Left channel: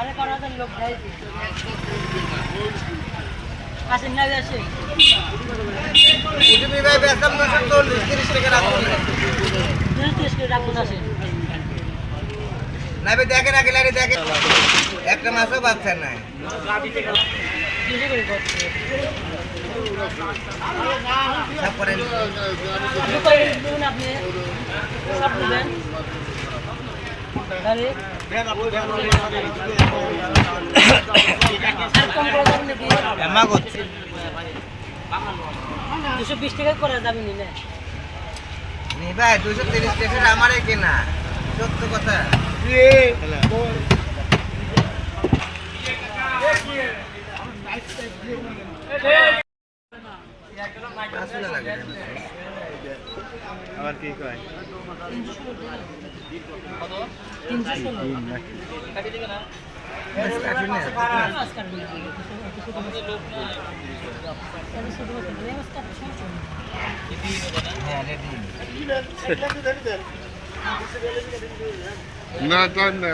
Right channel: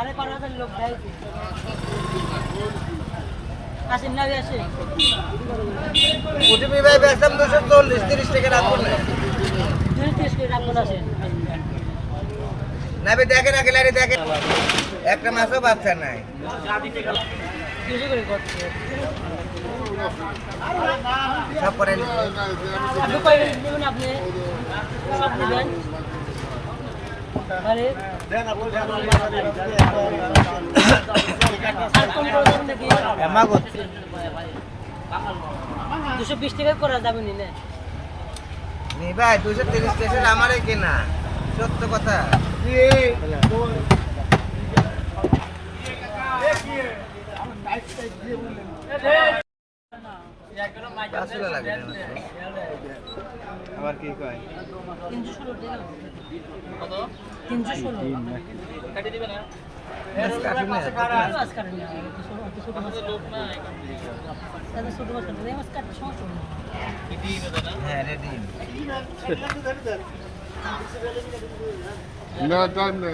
সাড়ে বারো হাজার লোক খাইছে আসেন না আসে ওটিপি ভাই বেচলাম দুশো চল্লিশ তিরিশ টাকা রাখব দুই তিরিশ আসেন। না দেখেন আগে লাইনে দেখেন। একটা মাসও বাচ্চা নাই সব করে আপনি আপনি সব নেবেন দুশো বিশ টাকা করা যাবে নি না নি ভাই দুশো তিরিশ টাকার আমারই কেনা সত্য কথা লাগে তিনশো ষোলো। বেশ কাটুন না, কাটবে না।